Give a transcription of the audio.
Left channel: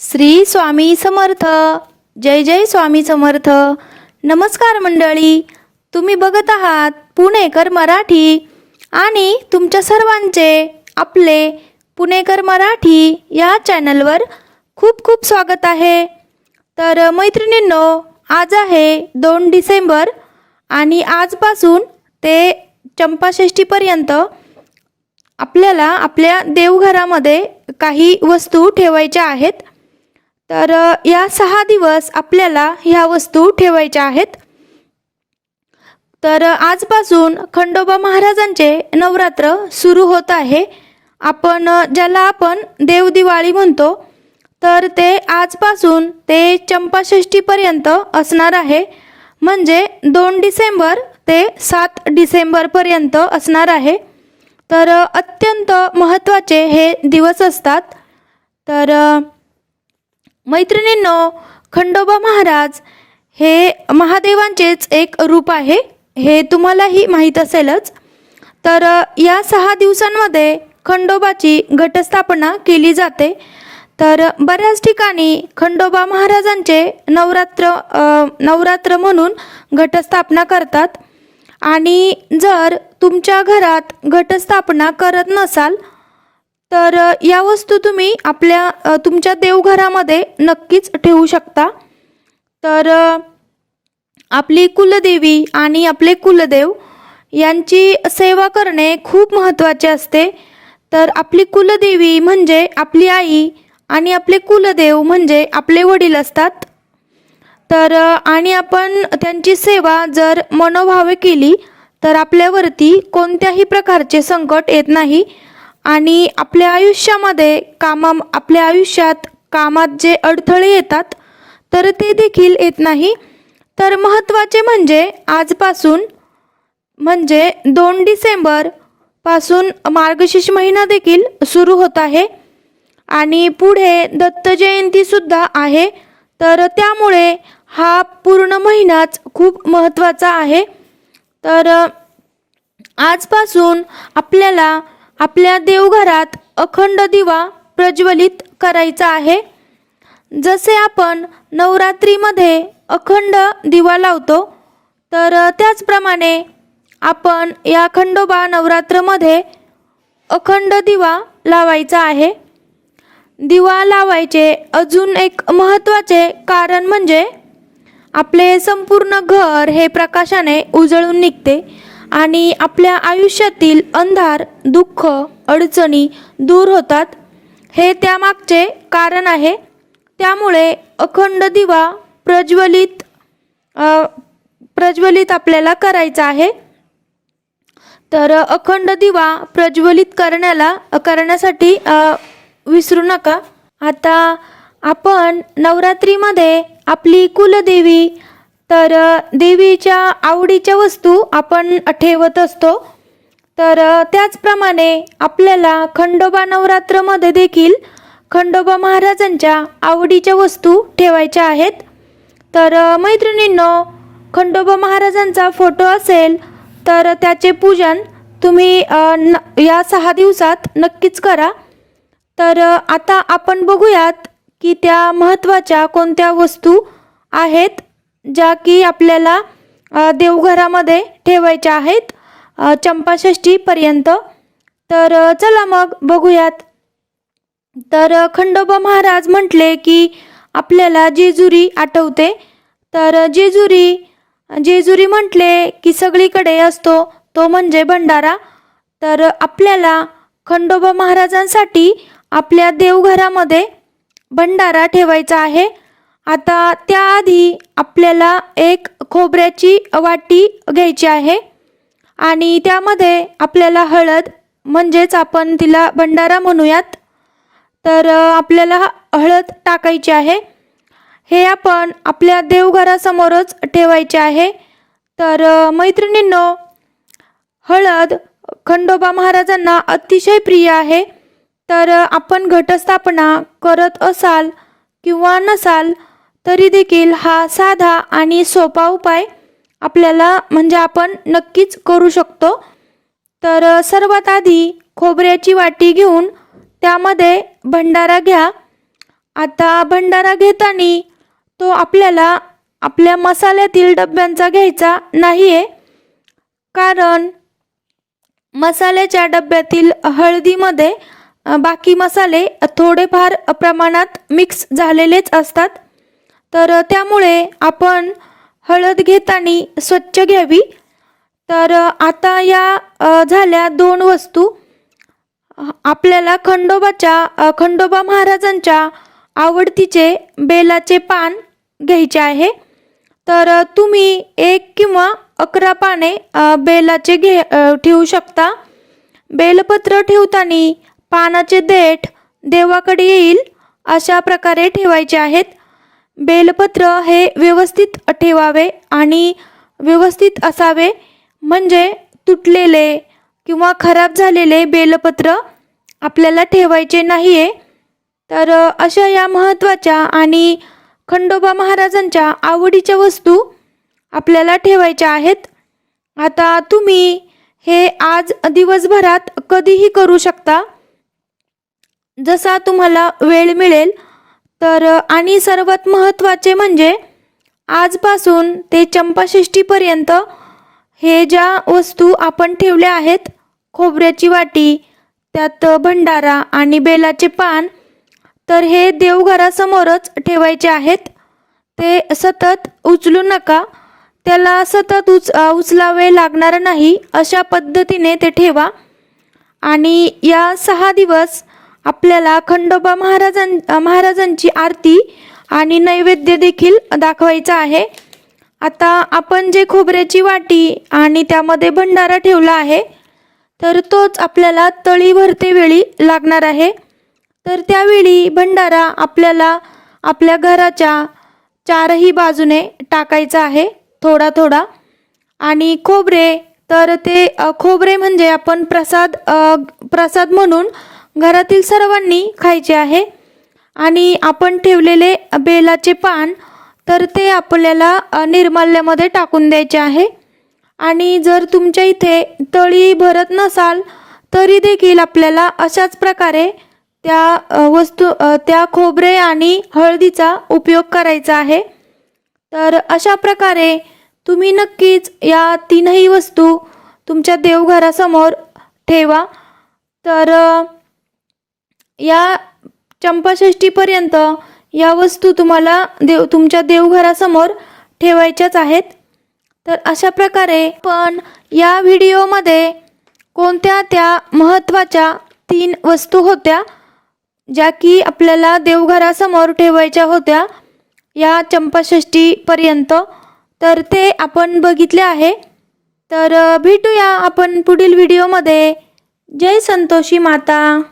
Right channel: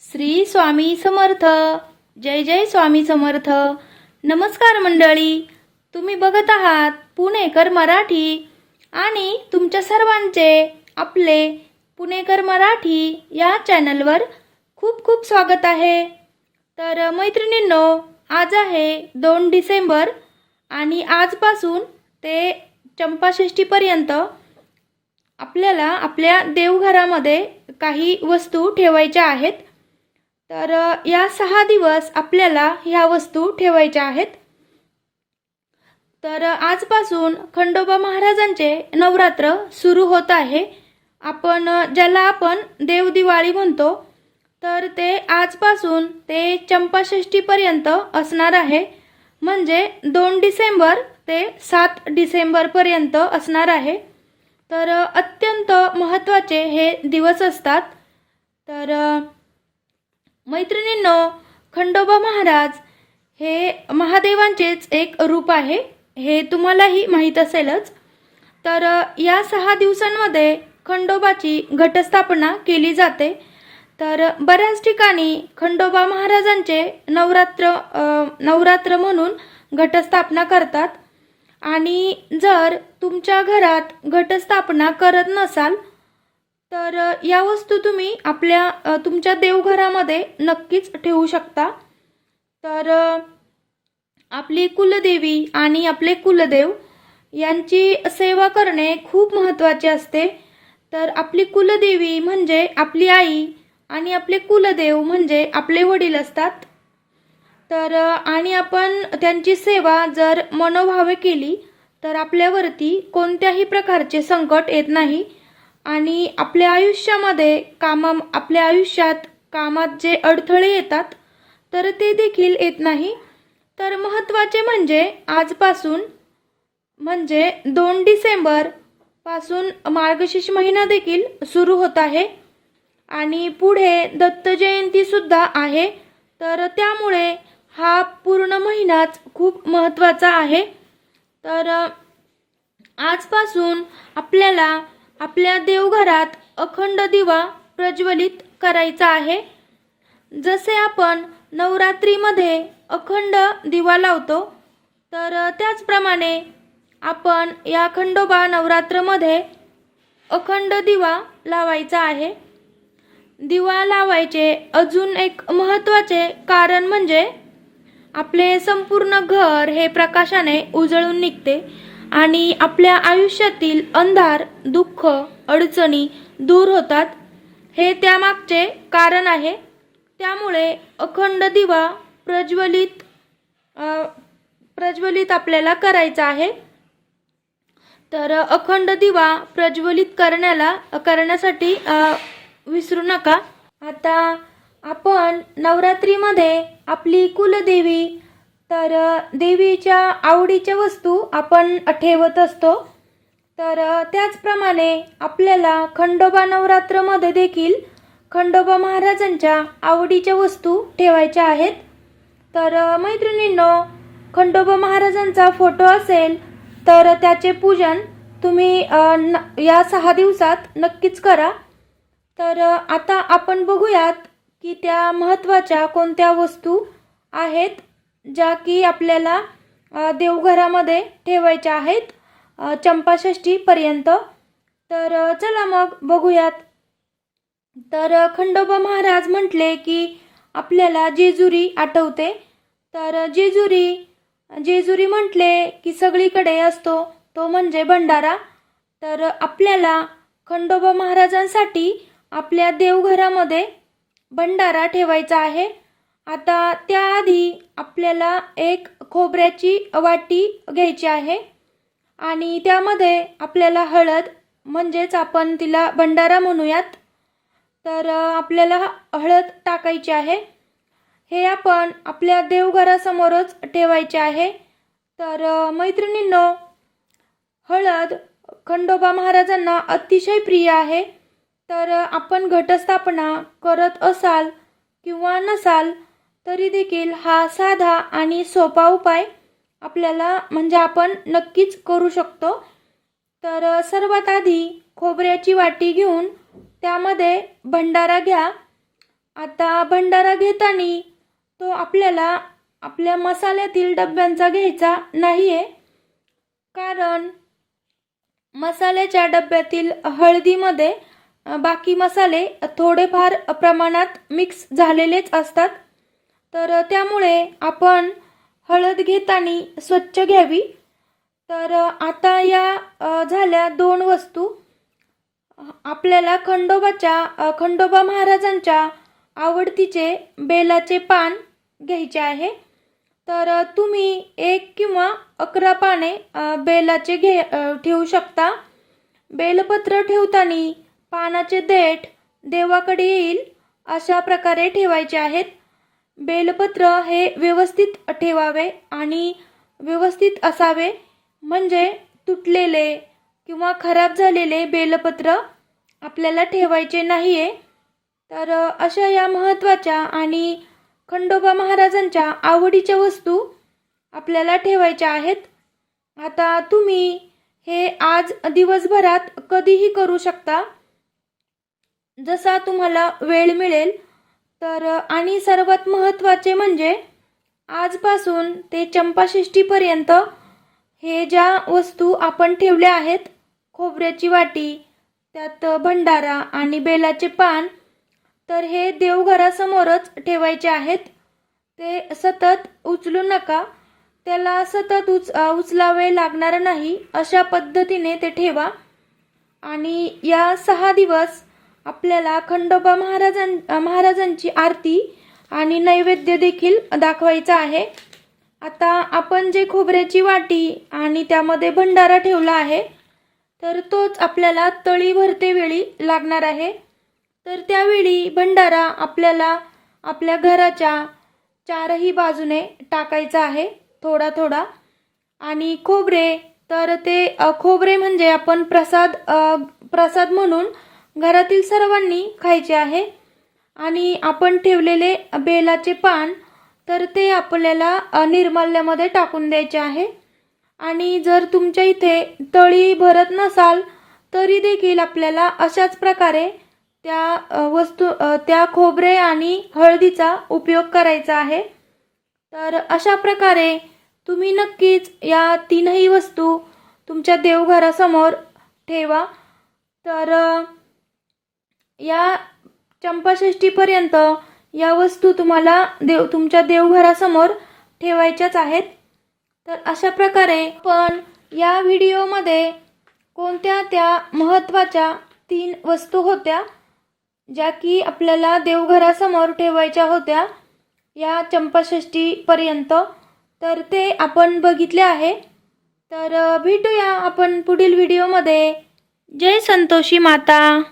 श्री स्वामी समर्थ. जय जय स्वामी समर्थ. नमस्कार मंडळी. तुम्ही बघत आहात पुणेकर मराठी आणि तुमच्या सर्वांचे आपले पुणेकर मराठी या चॅनलवर खूप खूप स्वागत आहे. तर मैत्रिणींनो आज आहे दोन डिसेंबर आणि आजपासून ते चंपाषष्ठीपर्यंत आपल्याला आपल्या देवघरामध्ये काही वस्तू ठेवायच्या आहेत. तर या सहा दिवस आपल्याला ह्या वस्तू ठेवायच्या आहेत. तर आजपासून खंडोबा महाराजांचे नवरात्र सुरू होत आहे. आपण ज्याला आपण देवदिवाळी म्हणतो तर ते आजपासून ते चंपाषष्ठीपर्यंत असणार आहे. म्हणजे दोन डिसेंबर ते सात डिसेंबरपर्यंत असणार आहे. तर अत्यंत महत्त्वाचे हे दिवस असतात. तर मैत्रिणींनो खंडोबा महाराज हे महादेवांचेच एक रूप आहे हे तुम्हालाही माहीत असेलच. तर या सहा दिवसांमध्ये खंडोबाची घटस्थापना केली जाते. तर बऱ्याच ठिकाणी खंडोबा महाराजांचे नवरात्र नवरात्र म्हणून घटस्थापना करतात. आणि जर तुमच्या घरात घटस्थापना करत नसाल तर या वस्तू तुम्ही आपल्या तुमच्या देवघरामध्ये नक्कीच ठेवू शकता. तर आपली कुलदेवी आणि आपले कुलदेव यांची सेवा करणे खूप महत्त्वाचे असते. तर आपली कुलदेवी म्हणजे आपली आई आणि आपले कुलदेव म्हणजे आपले वडील असतात. तर आणि आपण त्यांची सेवा जर मनोभावे केली तर आपल्यावरती कोणत्याही प्रकारचे संकट येत नाही. आणि आपल्या आयुष्यामध्ये कामा आपल्या आयुष्यात कामात जे अडथळे येतात तर ते देखील येत नाही. तर महत्त्वाचे म्हणजे आजपासून म्हणजे दोन डिसेंबरपासून मार्गशीर्ष महिना देखील सुरू होत आहे. आणि पुढे दत्त जयंतीसुद्धा आहे. तर त्यामुळे हा पूर्ण महिनाच खूप महत्त्वाचा आहे. तर आजपासून आपल्याला आपल्या देवघरात अखंड दिवा प्रज्वलित करायचा आहे. जसे आपण नवरात्रीमध्ये अखंड दिवा लावतो तर त्याचप्रमाणे आपण या खंडोबा नवरात्रमध्ये अखंड दिवा लावायचा आहे. दिवा लावायचे अजून एक महत्त्वाचे कारण म्हणजे आपले संपूर्ण घर हे प्रकाशाने उजळून निघते. आणि आपल्या आयुष्यातील अंधार दुःख अडचणी दूर होतात. हे त्यामागचे कारण आहे. त्यामुळे अखंड दिवा प्रज्वलित प्रज्वलित आपल्याला करायचा आहे. तर अखंड दिवा प्रज्वलित करण्याला करण्यासाठी विसरू नका. आता आपण नवरात्रीमध्ये आपली कुलदेवी तर देवीच्या आवडीच्या वस्तू आपण ठेवत असतो. तर त्याचप्रमाणे आपल्याला खंडोबा नवरात्रमध्ये देखील खंडोबा महाराजांच्या आवडीच्या वस्तू ठेवायच्या आहेत. तर मैत्रिणींनो खंडोबा महाराजांचा फोटो असेल तर त्याचे पूजन तुम्ही न या सहा दिवसात नक्कीच करा. तर आता आपण बघूयात की त्या महत्त्वाच्या कोणत्या वस्तू आहेत. ज्या की आपल्याला देवघरामध्ये ठेवायच्या आहेत अ, चंपाषष्ठीपर्यंत. तर चला मग बघूयात. तर खंडोबा महाराज म्हटले की आपल्याला जेजुरी आठवते. तर जेजुरी जेजुरी म्हटले की सगळीकडे असतो तो म्हणजे भंडारा. तर आपल्याला खंडोबा महाराजांसाठी आपल्या देवघरामध्ये भंडारा ठेवायचा आहे. आता त्याआधी आपल्याला एक खोबऱ्याची वाटी घ्यायची आहे. आणि त्यामध्ये आपल्याला हळद म्हणजेच आपण तिला भंडारा म्हणूयात तर आपल्याला हळद टाकायची आहे. हे आपण आपल्या देवघरासमोरच ठेवायचे आहे. तर मैत्रिणींनो हळद खंडोबा महाराजांना अतिशय प्रिय आहे. तर आपण घटस्थापना करत असाल किंवा नसाल तरी देखील हा साधा आणि सोपा उपाय आपल्याला म्हणजे आपण नक्कीच करू शकतो. तर सर्वात आधी खोबऱ्याची वाटी घेऊन त्यामध्ये भंडारा घ्या. आता भंडारा घेताना तो आपल्याला आपल्या मसाल्यातील डब्यांचा घ्यायचा नाही आहे कारण मसाल्याच्या डब्यातील हळदीमध्ये बाकी मसाले थोडेफार प्रमाणात मिक्स झालेलेच असतात. तर त्यामुळे आपण हळद घेताना स्वच्छ घ्यावी. तर आता या झाल्या दोन वस्तू. आपल्याला खंडोबाच्या खंडोबा महाराजांच्या आवडतीचे बेलाचे पान घ्यायचे आहे. तर तुम्ही एक किंवा अकरा पाने बेलाचे घे ठेवू शकता. बेलपत्र ठेवताना पानाचे देठ देवाकडे येईल अशा प्रकारे ठेवायचे आहेत. बेलपत्र हे व्यवस्थित ठेवावे आणि व्यवस्थित असावे. म्हणजे तुटलेले किंवा खराब झालेले बेलपत्र आपल्याला ठेवायचे नाही आहे तर अशा या महत्त्वाच्या आणि खंडोबा महाराजांच्या आवडीच्या वस्तू आपल्याला ठेवायच्या आहेत. आता तुम्ही हे आज दिवसभरात कधीही करू शकता. जसा तुम्हाला वेळ मिळेल तर आणि सर्वात महत्त्वाचे म्हणजे आजपासून ते चंपाषष्टीपर्यंत हे ज्या वस्तू आपण ठेवल्या आहेत खोबऱ्याची वाटी त्यात भंडारा आणि बेलाचे पान तर हे देवघरासमोरच ठेवायचे आहेत. ते सतत उचलू नका. त्याला सतत उच उचलावे लागणार नाही अशा पद्धतीने ते ठेवा. आणि या सहा दिवस आपल्याला खंडोबा महाराजां महाराजांची आरती आणि नैवेद्य देखील दाखवायचा आहे. आता आपण जे खोबऱ्याची वाटी आणि त्यामध्ये भंडारा ठेवला आहे तर तोच आपल्याला तळी भरते वेळी लागणार आहे. तर त्यावेळी भंडारा आपल्याला आपल्या घराच्या चारही बाजूने टाकायचा आहे थोडा थोडा. आणि खोबरे तर ते खोबरे म्हणजे आपण प्रसाद प्रसाद म्हणून घरातील सर्वांनी खायचे आहे. आणि आपण ठेवलेले बेलाचे पान तर ते आपल्याला निर्माल्यामध्ये टाकून द्यायचे आहे. आणि जर तुमच्या इथे तळी भरत नसाल तरी देखील आपल्याला अशाच प्रकारे त्या वस्तू त्या खोबरे आणि हळदीचा उपयोग करायचा आहे. तर अशा प्रकारे तुम्ही नक्कीच या तीनही वस्तू तुमच्या देवघरासमोर ठेवा. तर या चंपाषष्ठीपर्यंत या वस्तू तुम्हाला देव तुमच्या देवघरासमोर ठेवायच्याच आहेत. तर अशा प्रकारे पण या व्हिडिओमध्ये कोणत्या त्या महत्त्वाच्या तीन वस्तू होत्या ज्या की आपल्याला देवघरासमोर ठेवायच्या होत्या या चंपाषष्ठीपर्यंत तर ते आपण बघितले आहे. तर भेटूया आपण पुढील व्हिडिओमध्ये. जय संतोषी माता.